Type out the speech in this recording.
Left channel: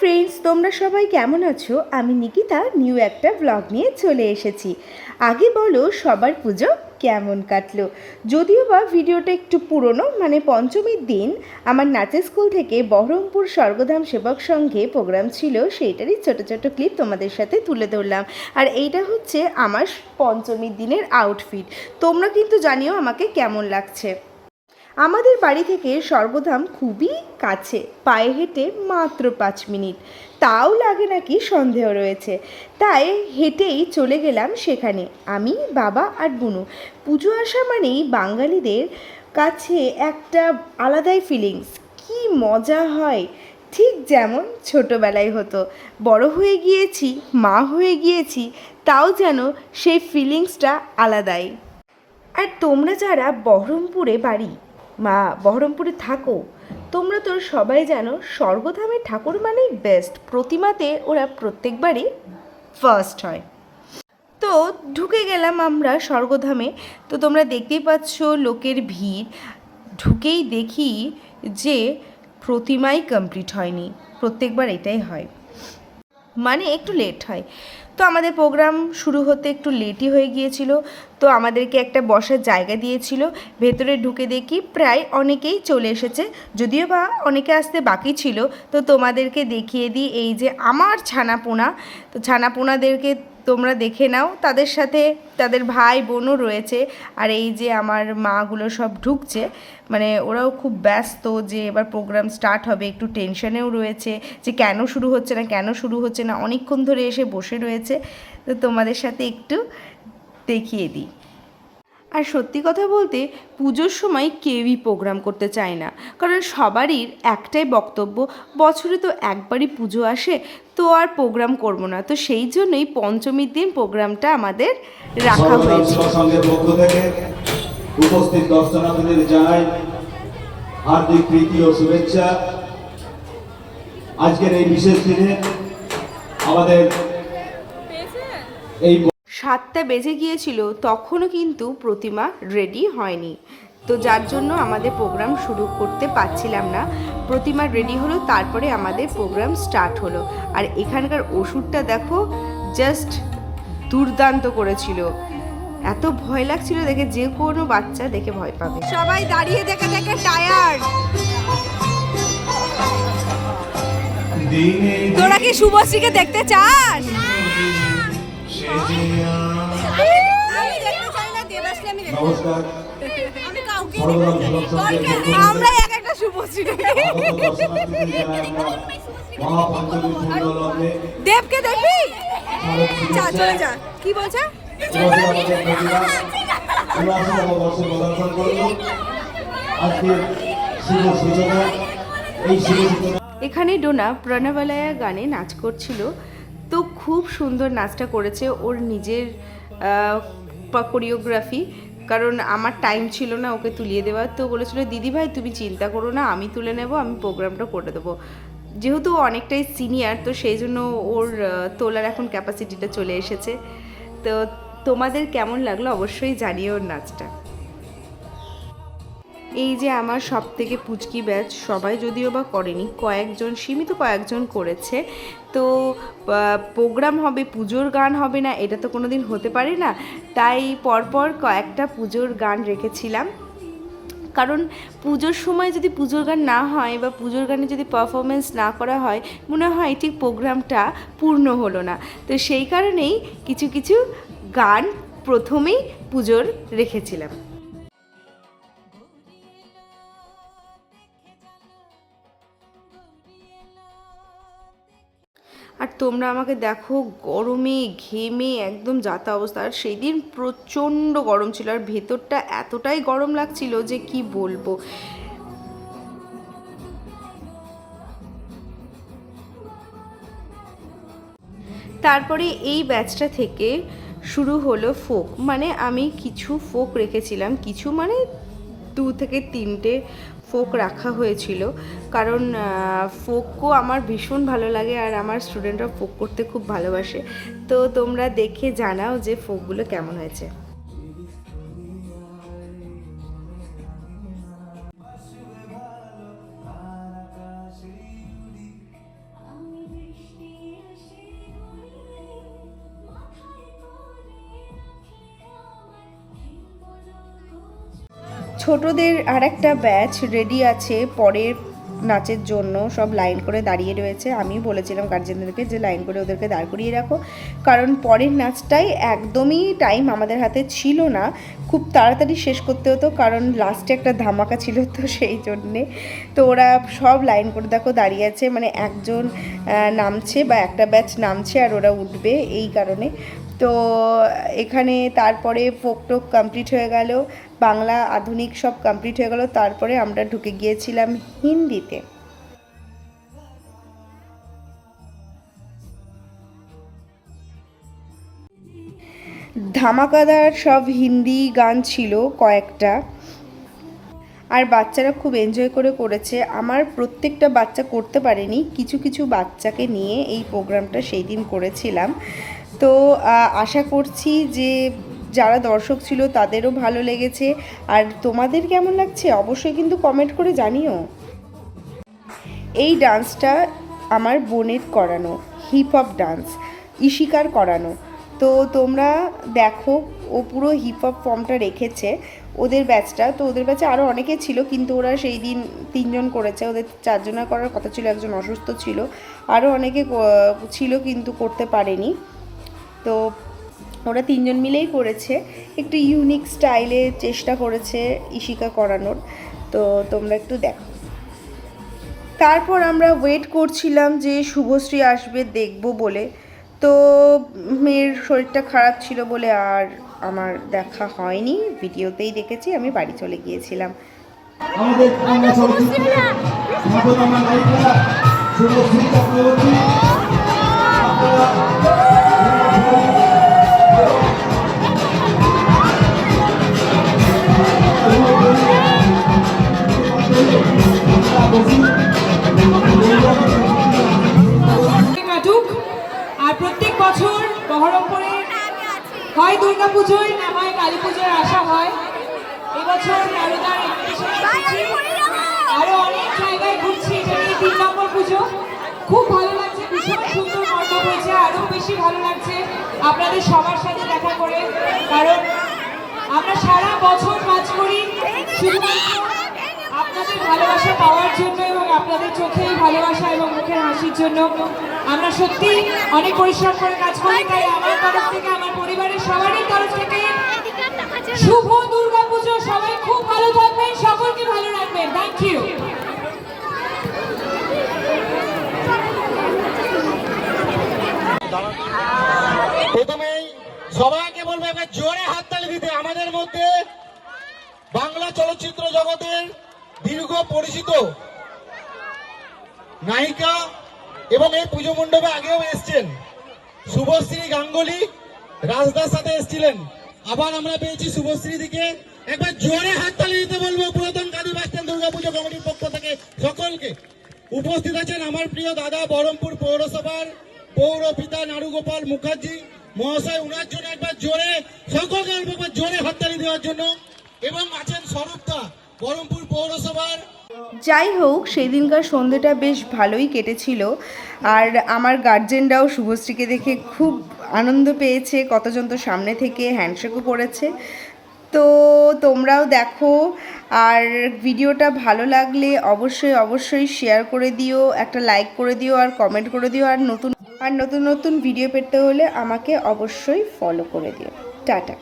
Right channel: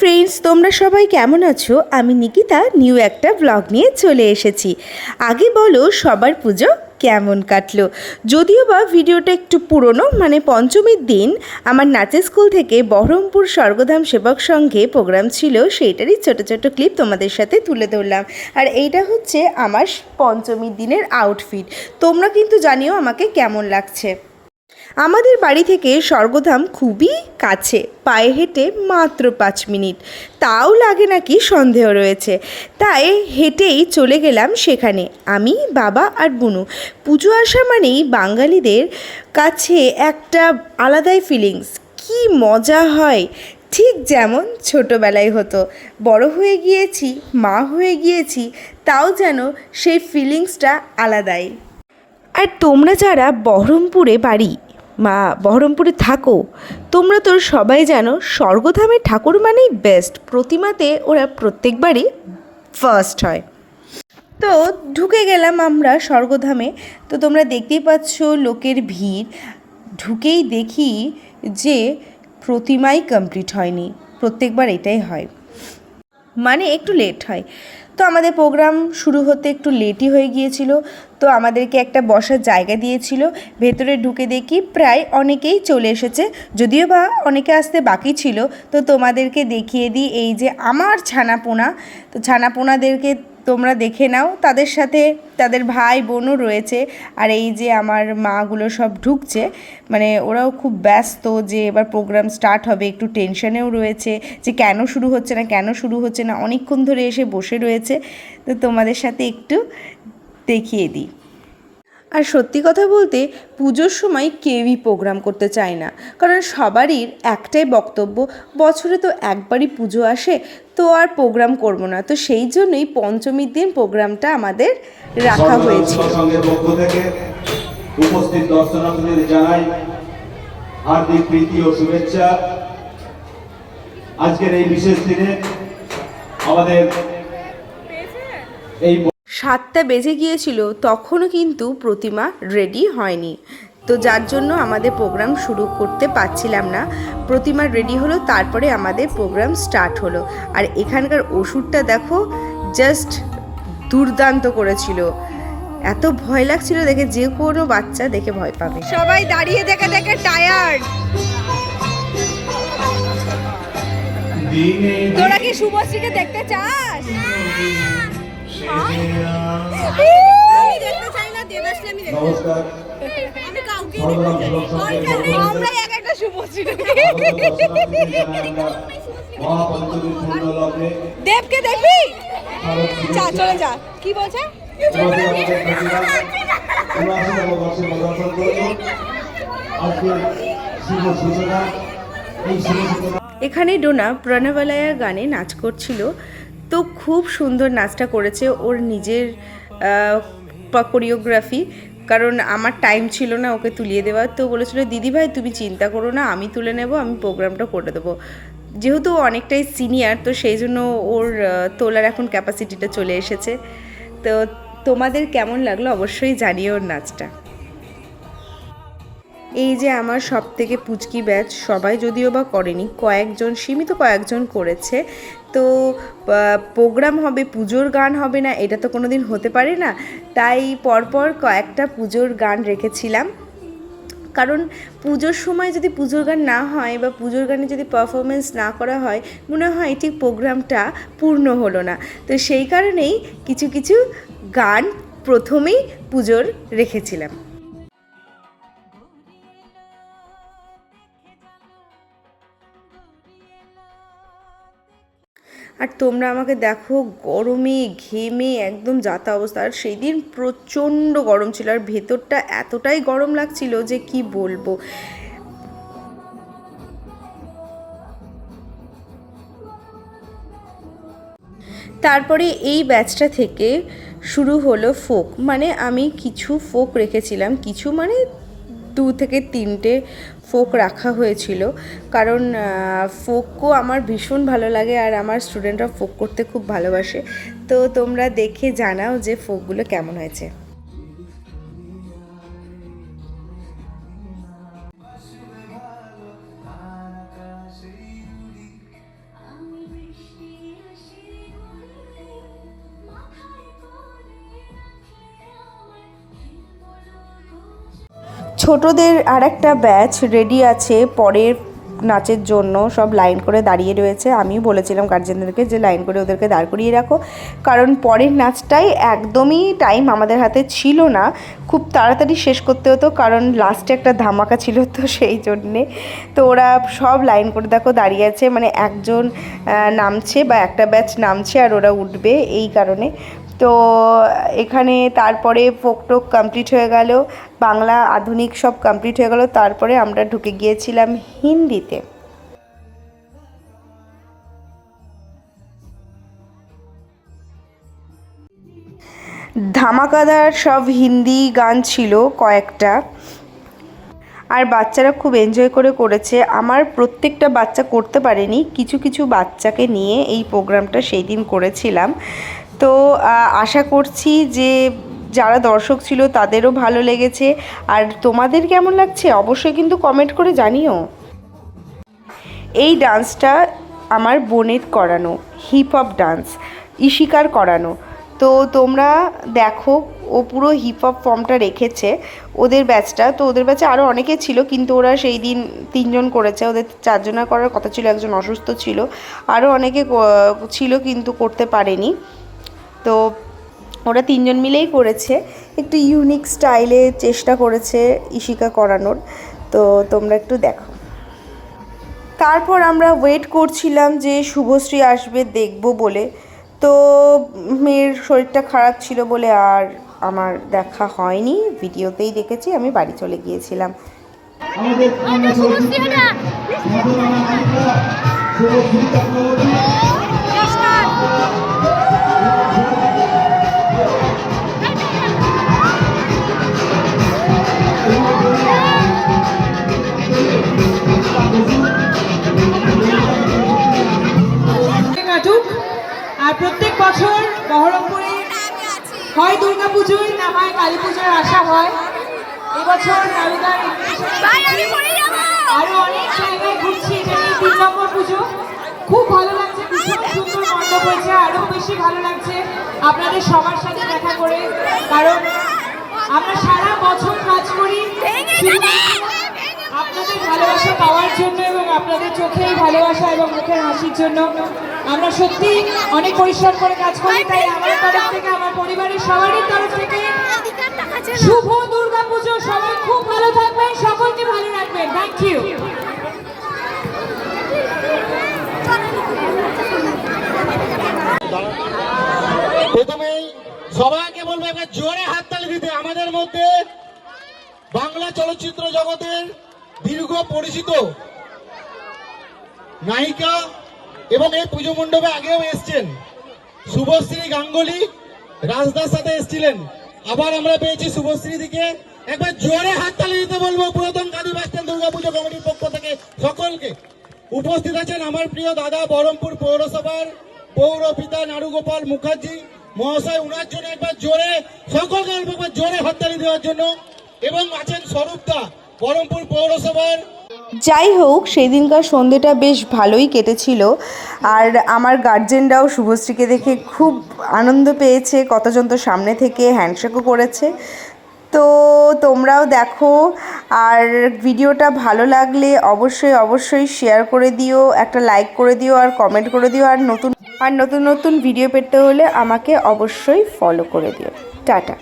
Friends, তোমরা সবাই কেমন আছো? আমি নিকিতা নিউ একটা ব্লগ নিয়ে চলে এসেছি। আগে বলো সবার পুজো কেমন কাটলো? যদিও বা ভিডিওটা একটু পুরনো, মানে পঞ্চমীর দিন আমার নাচের স্কুল থেকে বহরমপুর স্বর্গধাম সেবক সংঘে প্রোগ্রাম ছিল, সেইটারই ছোট ছোট ক্লিপ তোমাদের সাথে তুলে ধরলাম। আর এইটা হচ্ছে আমার পঞ্চমীর দিনের আউটফিট। তোমরা কিন্তু জানিও আমাকে কেমন লাগছে। আমাদের বাড়ি থেকে স্বর্গধাম খুবই কাছে, পায়ে হেঁটে মাত্র 5 মিনিট, তাও লাগে নাকি সন্দেহ রয়েছে। তাই হেঁটেই চলে গেলাম সেখানে, আমি, বাবা আর বুনু। পুজো আসা মানেই বাঙালিদের কাছে একটা আলাদাই ফিলিংস, কি মজা হয়। ঠিক যেমন ছোটোবেলায় হতো, বড় হয়ে গিয়েছি, মা হয়ে গিয়েছি, তাও যেন সেই ফিলিংসটা আলাদাই। আর তোমরা যারা বহরমপুরে বাড়ি বহরমপুরে থাকো, তোমরা তো সবাই জানো স্বর্গধামের ঠাকুর মানেই বেস্ট, প্রতিমাতে ওরা প্রত্যেকবারই ফার্স্ট হয়। তো ঢুকে গেলাম আমরা স্বর্গধামে। তো তোমরা দেখতেই পাচ্ছ লোকের ভিড়। ঢুকেই দেখি যে প্রতিমাই কমপ্লিট হয়নি, প্রত্যেকবার এটাই হয়, মানে একটু লেট হয়। তো আমাদের প্রোগ্রাম শুরু হতে একটু লেটই হয়ে গিয়েছিল। তো আমাদেরকে একটা বসার জায়গা দিয়েছিল, ভেতরে ঢুকে দেখি প্রায় অনেকেই চলে এসেছে, যদিও বা অনেকে আসতে বাকি ছিল। তো তোমাদেরকে দেখিয়ে দিই, এই যে আমার ছানাপোনা, তো ছানাপোনাদেরকে তোমরা দেখে নাও, তাদের সাথে তাদের ভাই বোনও রয়েছে। আর এই যে আমার মাগুলো সব ঢুকছে, মানে ওরাও খুব ব্যস্ত যে এবার প্রোগ্রাম স্টার্ট হবে, একটু টেনশনেও রয়েছে যে কেন শুরু হচ্ছে না, অনেকক্ষণ ধরে এসে বসে রয়েছে। তো তোমাদের সাথে একটু দেখিয়ে দিই। আর সত্যি কথা বলতে পুজোর সময় কেউই প্রোগ্রাম করতে চায় না, কারণ সবারই একটাই বক্তব্য, বছরে তো একবারই পুজো আসে, তো আর প্রোগ্রাম করব না। তো সেই জন্যই পঞ্চমীর দিন প্রোগ্রামটা আমাদের রাখা হয়েছে। উপস্থিত দর্শনার্থীদের জানাই হার্দিক প্রীতি ও শুভেচ্ছা। আজকের এই বিশেষ দিনে আমাদের এই 7টা বেজে গিয়েছিল, তখনও কিন্তু প্রতিমা রেডি হয়নি, তো যার জন্য আমাদের প্রোগ্রাম শুরু করতে পারছিলাম না। প্রতিমা রেডি হলো, তারপরে আমাদের প্রোগ্রাম স্টার্ট হলো। আর এখানকার ওষুধটা দেখো, জাস্ট দুর্দান্ত করেছিল, এত ভয় লাগছিল দেখে, যে কোনো বাচ্চা দেখে ভয় পাবে। সবাই দাঁড়িয়ে দেখে দেখে টায়ার্ড। তোরা কি শুভশ্রীকে দেখতে চাস? আমি দেখতে চাই না, দেবাশ্রী আমি দেখতে চাই। আমি কাউকে আমরা এক একটা শুভশ্রী দেবকে দেখবি, চা চলে যা। কি বলছে? এখানে ডোনা প্রণবালয়া গানে নাচ করছিল, তো খুব সুন্দর নাচটা করেছে, ওর নিজের কোরিওগ্রাফি, কারণ আমার টাইম ছিল না ওকে তুলিয়ে দেওয়ার। তো বলেছিল দিদিভাই তুমি চিন্তা করো না, আমি তুলে নেব, আমি প্রোগ্রামটা করে দেবো। যেহেতু অনেকটাই সিনিয়র, তো সেই জন্য ওর তোলার এখন ক্যাপাসিটিটা চলে এসেছে। তো তোমাদের কেমন লাগলো অবশ্যই জানিও ওর নাচটা। এই যে আমার সব থেকে পুচকি ব্যাচ, সবাই যদিও বা করেনি, কয়েকজন, সীমিত কয়েকজন করেছে। তো প্রোগ্রাম হবে, পুজোর গান হবে না, এটা তো কোনো দিন হতে পারে না। তাই পরপর কয়েকটা পুজোর গান রেখেছিলাম, কারণ পুজোর সময় যদি পুজোর গান না হয় বা পুজোর গানে যদি পারফরমেন্স না করা হয়, মনে হয় ঠিক প্রোগ্রামটা পূর্ণ হলো না। তো সেই কারণেই কিছু কিছু গান প্রথমেই পুজোর রেখেছিলাম। আর তোমরা আমাকে দেখো, গরমে ঘেমে একদম যাতা অবস্থা। আর সেই দিন প্রচণ্ড গরম ছিল, আর ভেতরটা এতটাই গরম লাগছিল যে কি বলবো। তারপরে এই ব্যাচটা থেকে শুরু হলো ফোক, মানে আমি কিছু ফোক রেখেছিলাম, কিছু মানে 2 থেকে 3টে ফোক রাখা হয়েছিল, কারণ ফোকও আমার ভীষণ ভালো লাগে, আর আমার স্টুডেন্টরা ফোক করতে খুব ভালোবাসে। তো তোমরা দেখে জানাও যে ফোকগুলো কেমন হয়েছে। ছোটদের আর একটা ব্যাচ রেডি আছে পরের নাচের জন্য, সব লাইন করে দাঁড়িয়ে রয়েছে। আমিও বলেছিলাম গার্জেনদেরকে যে লাইন করে ওদেরকে দাঁড় করিয়ে রাখো, কারণ পরের নাচটাই একদমই টাইম আমাদের হাতে ছিল না, খুব তাড়াতাড়ি শেষ করতে হতো, কারণ লাস্টে একটা ধামাকা ছিল তো সেই জন্যে। তো ওরা সব লাইন করে দেখো দাঁড়িয়ে আছে, মানে একজন নামছে বা একটা ব্যাচ নামছে আর ওরা উঠবে এই কারণে। তো এখানে তারপরে ফোক টোক কমপ্লিট হয়ে গেল, বাংলা আধুনিক সব কমপ্লিট হয়ে গেল, তারপরে আমরা ঢুকে গিয়েছিলাম হিন্দিতে। ধামাকাদার সব হিন্দি গান ছিল কয়েকটা, আর বাচ্চারা খুব এনজয় করে করেছে। আমার প্রত্যেকটা বাচ্চা করতে পারেনি, কিছু কিছু বাচ্চাকে নিয়ে এই প্রোগ্রামটা সেই দিন করেছিলাম। তো আশা করছি যে যারা দর্শক ছিল তাদেরও ভালো লেগেছে। আর তোমাদের কেমন লাগছে অবশ্যই কিন্তু কমেন্ট করে জানিও। এই ডান্সটা আমার বোনের করানো, হিপ হপ ডান্স, ইশিকার করানো। তো তোমরা দেখো, ও পুরো হিপ হপ ফর্মটা রেখেছে ওদের ব্যাচটা। তো ওদের ব্যাচে আরও অনেকে ছিল, কিন্তু ওরা সেই দিন 3 জন করেছে, ওদের 4 জনের করার কথা ছিল, একজন অসুস্থ ছিল, আরও অনেকে ছিল কিন্তু করতে পারেনি। তো ওরা 3 জন মিলেই করেছে, একটু ইউনিক স্টাইলে চেষ্টা করেছে ইশিকা করানোর। তো তোমরা একটু দেখো। তারপর আমরা ওয়েট করছিলাম যে শুভশ্রী আসবে দেখব বলে। তো মেয়ের শরীরটা খারাপ ছিল বলে আর আমার দেখা হয়নি, ভিডিওতেই দেখেছি, আমি বাড়ি চলে গিয়েছিলাম। আমাদের বাংলা চলচ্চিত্রে খ্যাতনামা নায়িকা শুভশ্রী চক্রবর্তী। কাটুক। আর প্রত্যেক বছর বহরমপুরে হয় দুর্গা পুজোয় না হয় কালী পুজোয় আসা হয়। এবছর আরো অনেক জায়গায় ঘুরছি, এটা নিয়ে 3 নম্বর পুজো। খুব ভালো লাগছে, ভীষণ সুন্দর মণ্ডপ হয়েছে, আরো বেশি ভালো লাগছে আপনাদের সবার সাথে দেখা করে, কারণ আমরা সারা বছর কাজ করি শুধুমাত্র আপনাদের ভালোবাসা পাওয়ার জন্য এবং আপনাদের চোখের ভালোবাসা এবং মুখের হাসির জন্য। আমরা সত্যি অনেক পরিশ্রম করে কাজ করি, তাই আমার তরফ থেকে, আমার পরিবারের সবারই তরফ থেকে শুভ দুর্গা পুজো। সবাই খুব ভালো থাকবেন, সকলকে ভালো রাখবেন। Thank you. প্রথমেই সবাইকে বলবো একটা জোরে হাততালি দিতে। আমাদের মধ্যে বাংলা চলচ্চিত্র জগতে দীর্ঘ পরিচিত নায়িকা এবং এই পুজো মণ্ডপে আগেও এসছেন শুভশ্রী গাঙ্গুলি, রাজদার সাথে এসেছিলেন। আবার আমরা পেয়েছি শুভশ্রী দিকে। একবার জোরে হাততালি দিতে বলবো পুরাতন গাদী বাসস্ট্যান্ড দুর্গাপুজো কমিটির পক্ষ থেকে সকলকে। উপস্থিত আছেন আমার প্রিয় দাদা বহরমপুর পৌরসভার পৌর পিতা নারুগোপাল মুখার্জি মহাশয়, উনার জন্য একবার জোরে সকলকে একবার জোরে হাততালি দেওয়ার জন্য। এবং আছেন স্বরূপদা বহরমপুর পৌরসভার। যাই হোক, সেই দিনকার সন্ধ্যেটা বেশ ভালোই কেটেছিল। আর আমার গার্জেনরাও শুভশ্রীকে দেখে খুব আনন্দ পেয়েছে, কতজন তো সামনে থেকে হ্যান্ডশেকও করেছে। তো তোমরাও দেখো, আর ভিডিওটা ভালো লাগলে অবশ্যই অবশ্যই শেয়ার করে দিও, একটা লাইক করে দিও আর কমেন্ট করে দিও। আর নতুন নতুন ভিডিও পেতে হলে আমাকে অবশ্যই ফলো করে দিও। টাটা।